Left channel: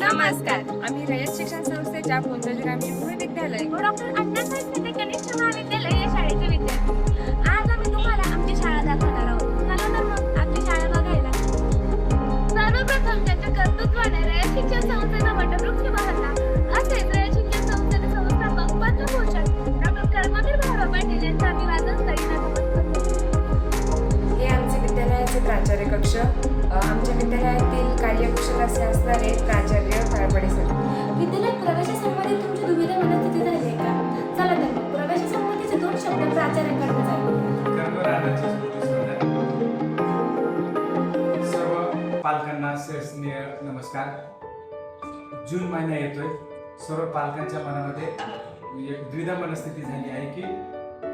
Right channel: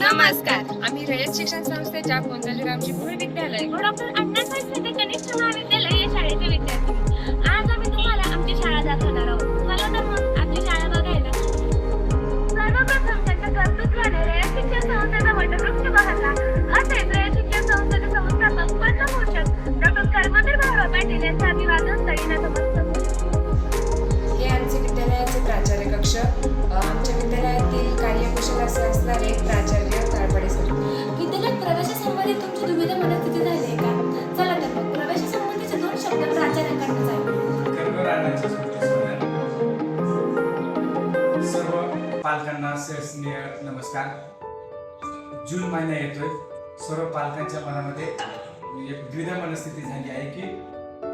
नमस्कार. आम्ही रयत शिक्षण संस्थेच्या पुंजाजीरामजी भोर विद्यालय व डॉक्टर अण्णासाहेब साठे कनिष्ठ महाविद्यालय या शाळेचे विद्यार्थी. आज आम्ही तुम्हाला आमची शाळा दाखवणार आहोत. चला तर मग आपली शाळा बघायला. सर्वप्रथम त्यांच्या कर्तृत्वाने रयत शिक्षण संस्थेचा वटवृक्ष बहरला. असेच रयत शिक्षण संस्थेचे संस्थापक पद्मभूषण डॉक्टर कर्मवीर भाऊराव पाटील यांचे अभिवादन स्थळी नतमस्तक होते. हे आमचे विद्यालयाचे प्राचार्य कक्ष. आमच्या विद्यालयातील कार्यकुशल असे असणारे प्राचार्य ताळपडे सर. विद्यालयात प्रवेशासंबंधी तुमची दुविधा मनस्थिती झाली आहे का? चला तर मग प्रवेशासंबंधीचे 2 शब्द प्राचार्यांकडून जाईल. कर्मरानाच्या सुट्टीत सर्व पालकांना स्नेह नमस्कार. जून महिना येतोय. सर्व पालकांच्या मनामध्ये एक द्विधा मनस्थिती झाली आहे की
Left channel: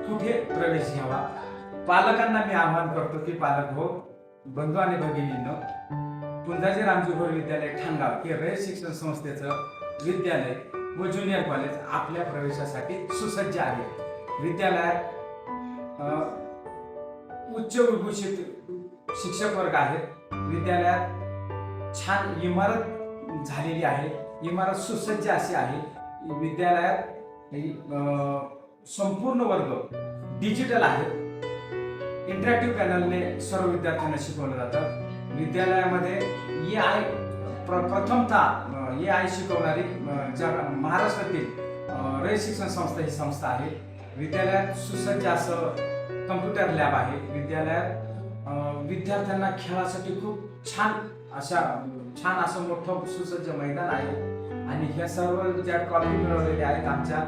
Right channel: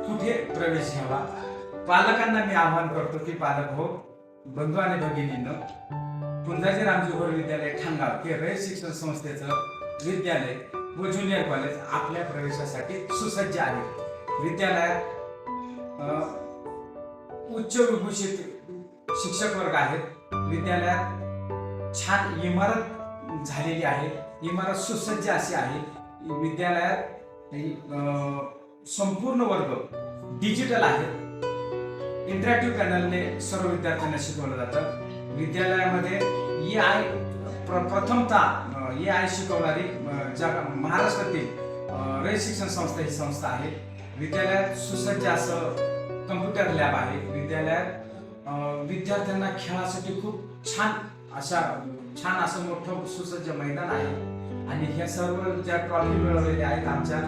कुठे प्रवेश घ्यावा. पालकांना मी आवाहन करतो की पालक हो, बंधू आणि भगिनींनो, पुंजाजीरामजी भोर विद्यालय ठाणगाव हे रयत शिक्षण संस्थेचं विद्यालय व ज्युनियर कॉलेज आपल्या प्रवेशासाठी सुसज्ज आहे. विद्यालयात उच्च विभूषित शिक्षक वर्ग आहेत. विद्यालयात छान इमारत झालेली आहे. इमारत सुसज्ज अशी आहे. विद्यालयात संपूर्ण वर्ग डिजिटल आहेत. इंटरॅक्टिव्ह पॅनलने सर्व विद्यार्थ्यांना शिकवलं जातं. विद्यालयामध्ये प्रथमतः AI शिकवणारी महाराष्ट्रातील रयत शिक्षण संस्था ही संस्था आहे. विद्यालयात सुसज्ज असं कम्प्युटर लॅब आहे. विद्यालयात विद्यार्थ्यांना खेळासाठी खूप छान असं मोठं सुसज्ज मैदान आहे. आणि ह्या सर्व ज्या ट्रॉफी मिळवलेल्या आहेत आमच्या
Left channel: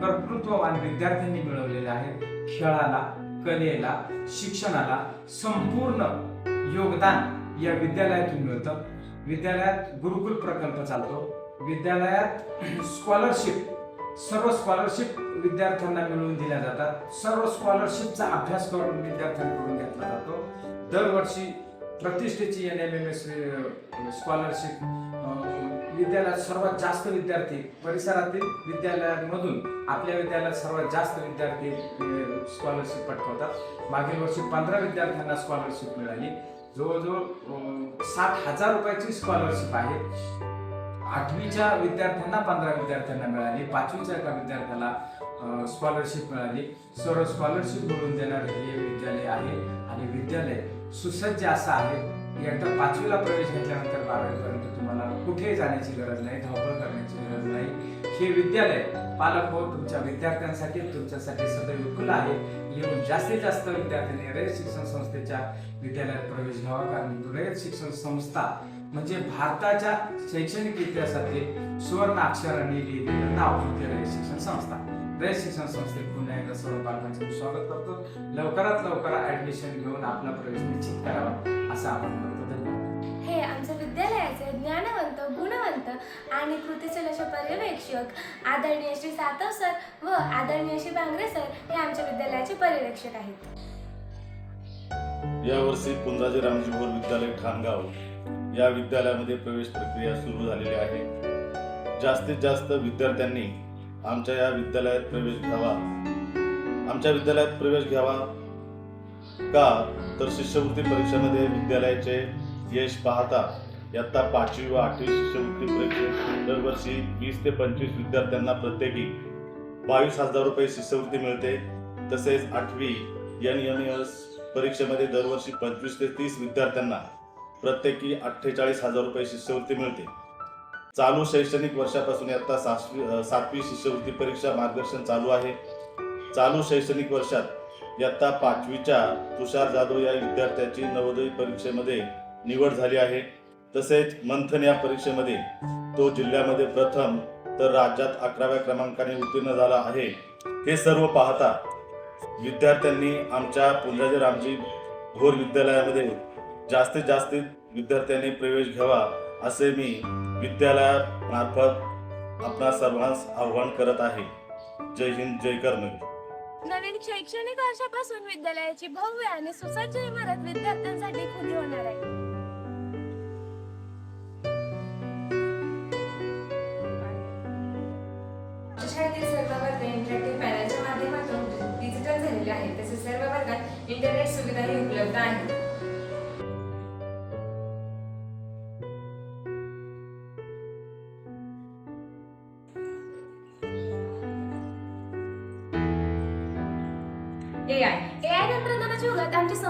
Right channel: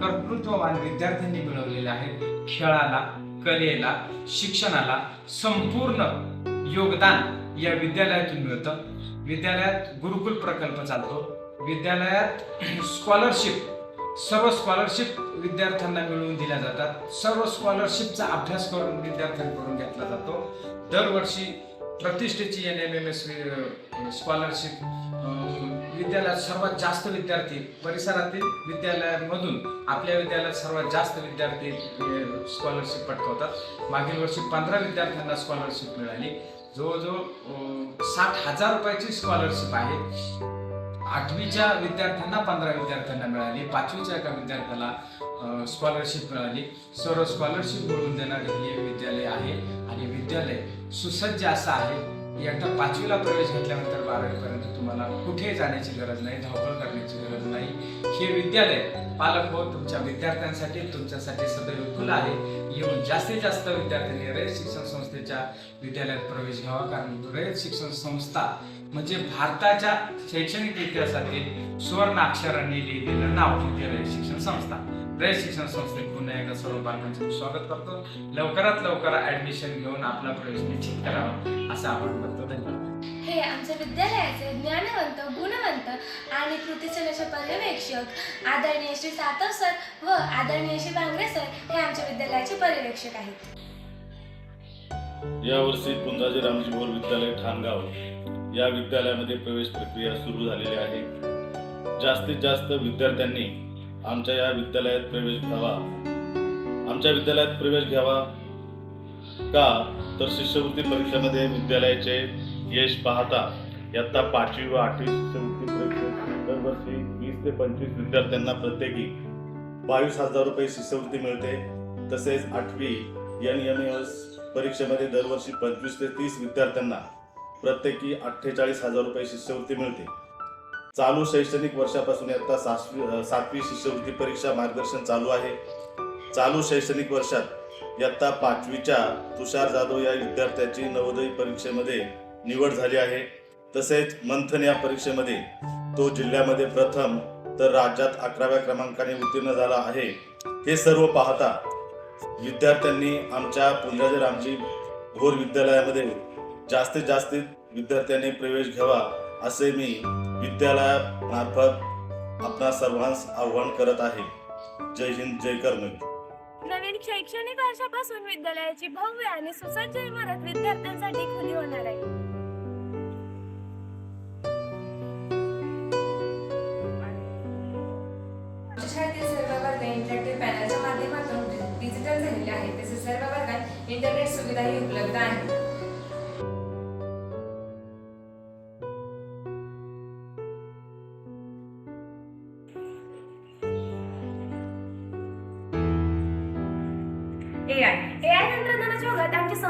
कर्तृत्ववान विद्यार्थ्यांनी मिळवलेल्या आहेत. खेळाला, कलेला, शिक्षणाला संपूर्ण योगदान या विद्यालयातून मिळतं. विद्यालयात गुरुकुल प्रकल्प चालतो. विद्यालयात सर्व स्कॉलरशिप विद्यार्थ्यांना मिळवून दिल्या जातात. सर्व स्कॉलरशिपचा अभ्यास करून विद्यार्थ्यांकडून घेतला जातो. दरवर्षी प्रतिष्ठेची NMMS स्कॉलरशिप विद्यालयात सर्वात जास्त विद्यार्थी परिसरातील विद्यालयांमधून आपल्या विद्यालयात सर्वात जास्त विद्यार्थी स्कॉलरशिप पटकावतात. मागील वर्षी 15 विद्यार्थ्यांना स्कॉलरशिप मिळाली. जवळजवळ 60,000 रुपयाची स्कॉलरशिप आहे. 8वीच्या विद्यार्थ्यांना 15 विद्यार्थ्यांना मिळाली. 5वीच्या एका विद्यार्थ्याला स्कॉलरशिप मिळाली. सर्व स्कॉलरशिप मिळवून देणारे हे विद्यालय आहे. आणि विद्यालय सुसज्ज असं आहे. एकदा 5वीला प्रवेश घेतल्यानंतर 12वीपर्यंत तुम्हाला कुठेही जाण्याची गरज नाही, धावपळ करण्याची गरज नाही. हे विद्यालय पालक हो तुमच्या विद्यार्थ्यांसाठी तुमच्यासाठी सदैव खुलं आहे. येऊन जास्तीत जास्त विद्यार्थ्यांनी रयत शिक्षण संस्थेच्या विद्यालयात प्रवेश घ्यावा. कारण रयत शिक्षण संस्था म्हणजे भारताच्या शैक्षणिक इतिहासातील सुवर्ण अक्षरांनी लिहिलेलं नाव म्हणजे रयत शिक्षण संस्था. रयत शिक्षण संस्थेत पुन्हा एकदा सर्व पालकांचं स्वागत करतो. लवकरात लवकर ऍडमिशन घेऊन आपला प्रवेश निश्चित करावा असं आवाहन करतो. धन्यवाद. हे आमच्या विद्यालयाचे ज्ञानवंत, गुणवंत आणि कृतीशील असे पर्यवेक्षक आदरणीय श्री सातव सर व आदरणीय श्री बांगरे सर हे आमच्या विद्यालयाचे पर्यवेक्षक आहेत. यावर्षी पुंजाजीरामजी भोर विद्यालय ठाणगाव या विद्यालयामध्ये प्रवेश प्रक्रिया सुरू झालेली आहे. जास्तीत जास्त विद्यार्थ्यांनी आमच्या या विद्यालयात प्रवेश घ्यावा. आमच्या विद्यालयात प्रवेश घ्यावा का तर शिष्यवृत्ती परीक्षेमध्ये विद्यालयाचे यश पाहता इयत्ता 5वी व 8वी शिष्यवृत्ती परीक्षेत दरवर्षी 20 ते 25 विद्यार्थ्यांना प्रत्येकी 22,000 रुपये शिष्यवृत्ती मिळते. तसेच 8वी NMMS परीक्षेमध्ये दरवर्षी 25 ते 30 विद्यार्थ्यांना प्रत्येकी 48,000 रुपये शिष्यवृत्ती मिळते. चालू शैक्षणिक वर्षापासून इयत्ता 7वी शिष्यवृत्ती परीक्षा मार्गदर्शन चालू आहे. चालू शैक्षणिक वर्षात इयत्ता 5वीच्या तुषार जाधव या विद्यार्थ्याची नवोदय परीक्षेमध्ये निवड झाली आहे. तसेच मंथन या परीक्षेमध्ये तो जिल्ह्यामध्ये प्रथम तर राज्यात 11व्या क्रमांकाने उत्तीर्ण झाला आहे. हे सर्व पाहता विद्यार्थ्यांनी आमच्या पुंजाजीरामजी भोर विद्यालयामध्ये जास्तीत जास्त विद्यार्थ्यांनी प्रवेश घ्यावा असे मी विद्यालयामार्फत आपणा सर्वांस आवाहन करत आहे. जय हिंद, जय कर्मवीर. नवीन शैक्षणिक वर्षापासून विद्यालयाची भव्य आणि सुसज्ज इमारत विद्यार्थ्यांसाठी खुली होणार आहे. शाळेतील सर्व वर्ग इंटरॅक्टिव्ह पॅनलच्या माध्यमातून डिजिटल झालेले आहेत. तसेच सर्व वर्गात इंटरनेट सुविधाही उपलब्ध आहे.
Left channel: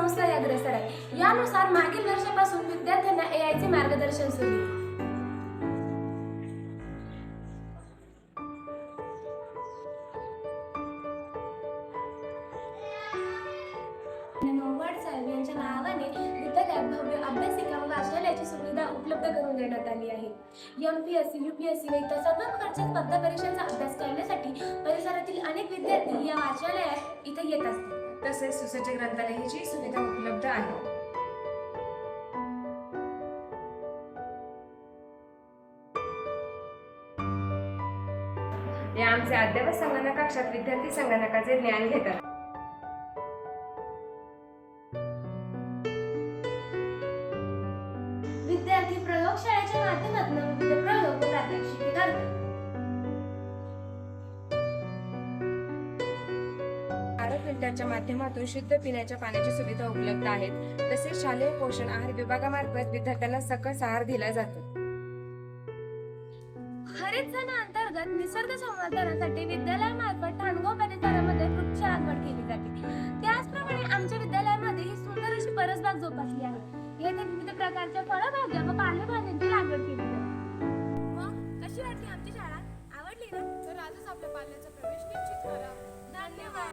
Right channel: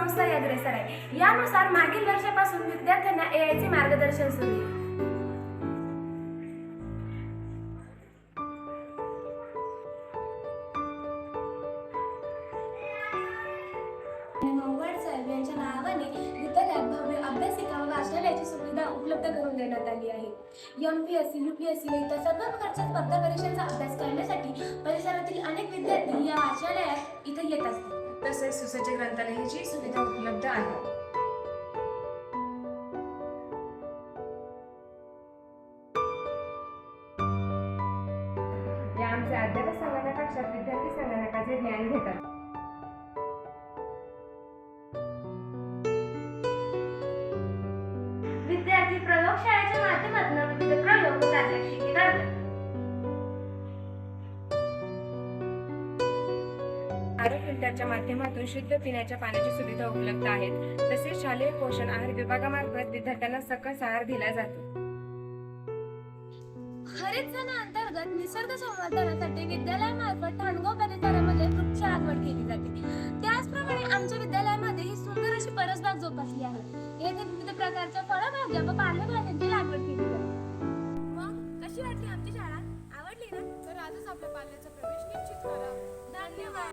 संस्था अग्रेसर आहे. यानुसार मागील वर्षापासून विद्यार्थ्यांना AI चे मार्गदर्शन सुरू आहे. नौवड साहेब यांच्या नावाने विद्यालयात भव्य अभ्यासिका व वाचनालयाची सुविधा उपलब्ध करून देण्यात आली आहे. MPSC, UPSC व इतर सर्व प्रकारच्या स्पर्धा परीक्षांचा अभ्यास करण्यासाठी परिसरातील अनेक विद्यार्थी या वाचनालयात इथे येत असतात. तसेच सुसज्ज ग्रंथालयाची सुविधा उपलब्ध आहे. या आमचे अद्ययावत संगणक कक्षात विद्यार्थी संगणकाचे ज्ञान घेतात. विद्यार्थी प्रयोगशाळेच्या माध्यमातून विविध प्रयोग व प्रात्यक्षिके करतात. आरो फिल्टरच्या माध्यमातून शुद्ध पिण्याच्या पाण्याची सुविधा उपलब्ध आहेत. तसेच शालेय पोषण आहार विभागामार्फत विद्यार्थ्यांना सकस आहार दिला जातो. हरित अंतर्गत निसर्ग संवर्धनासाठी विद्यालयामार्फत ठाणगाव परिसरामध्ये वृक्ष लागवड केली जाते. त्याचप्रमाणे आमच्या विद्यालयामध्ये ही सुंदर अशी परसबाग जोपासली आहे. येथे विविध प्रकारच्या फळभाज्या व पालेभाज्यांची लागवड केली जाते. मग कशी वाटली आमची शाळा? आवडली ना? तर आजच आपल्या पाल्याचा प्रवेश निश्चित करा. धन्यवाद.